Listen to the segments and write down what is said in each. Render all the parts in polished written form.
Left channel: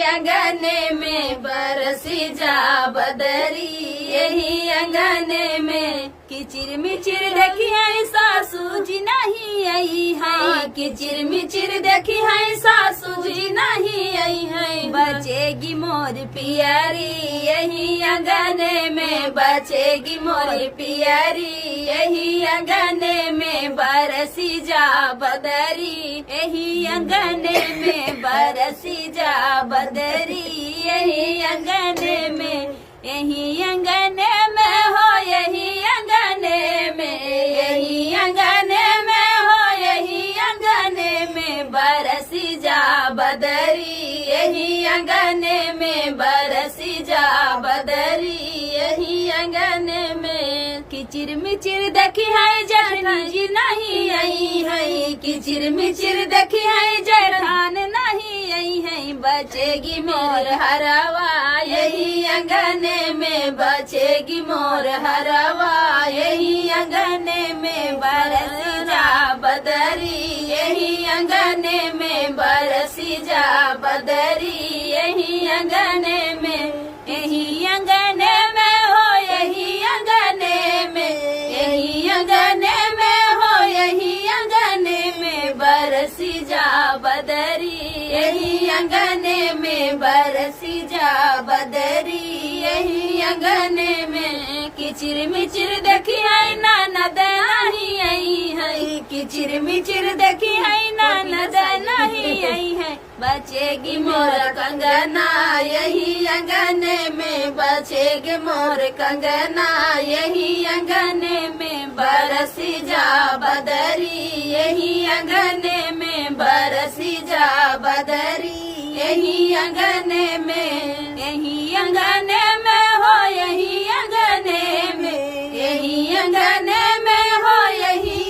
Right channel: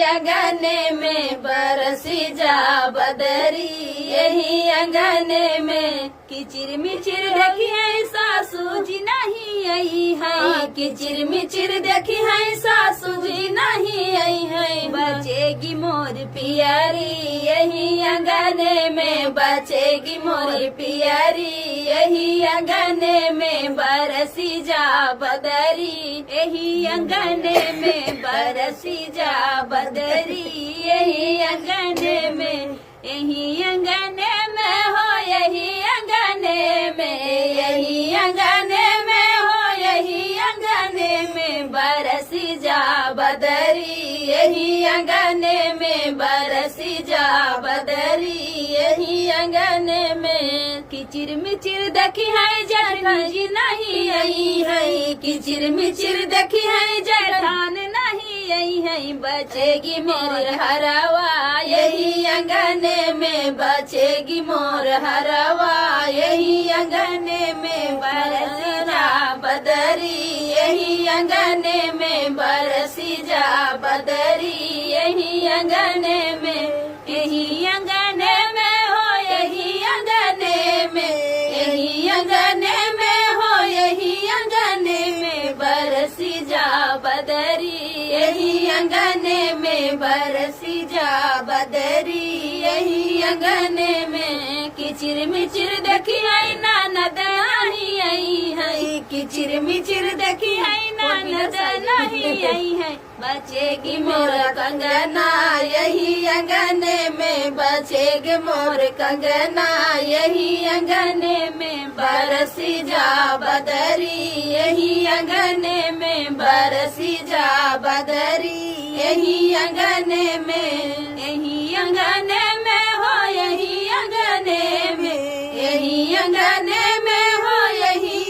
अंगने में बरसी जा बदरी, यही अंगने में किचिर मिचिर देखी है सासू जी नहीं आई है, किचिर मिचिर देखी है सासू जी नहीं आई है। बचेगी मोर पियारी यही अंगने में, बचेगी मोर पियारी यही अंगने में बरसी जा बदरी, यही अंगने में बरसी जा बदरी, यही अंगने में, यही अंगने में हो, यही अंगने में, यही अंगने में हो, यही अंगने में बरसी जा बदरी, यही अंगने में बरसी जा बदरी, यही अंगने में किचिर मिचिर देखी है जठान जी नहीं आई है, किचिर मिचिर देखी है जठान नहीं आई है। बचेगी मोर हरवा यही अंगने में, बचेगी मोर हरवा यही अंगने में बरसी जा बदरी, यही अंगने में बरसी जा बदरी, यही अंगने में, यही अंगने में हो, यही अंगने में, यही अंगने में हो, यही अंगने में बरसी जा बदरी, यही अंगने में बरसी जा बदरी, यही अंगने में किचिर मिचिर देखी है ननद नहीं आई है, किचिर मिचिर देखी है ननद नहीं आई है। बचेगी मोर कंगना यही अंगने में, बचेगी मोर कंगना यही अंगने में बरसी जा बदरी, यही अंगने में बरसी जा बदरी, यही अंगने में, यही अंगने में हो, यही अंगने में, यही अंगने में हो, यही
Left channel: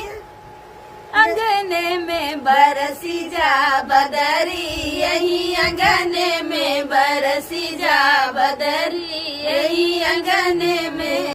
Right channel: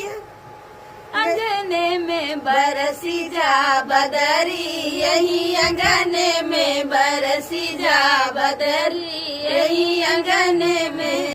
अंगने में बरसी जा बदरी, यही अंगने में बरसी जा बदरी, यही अंगने में।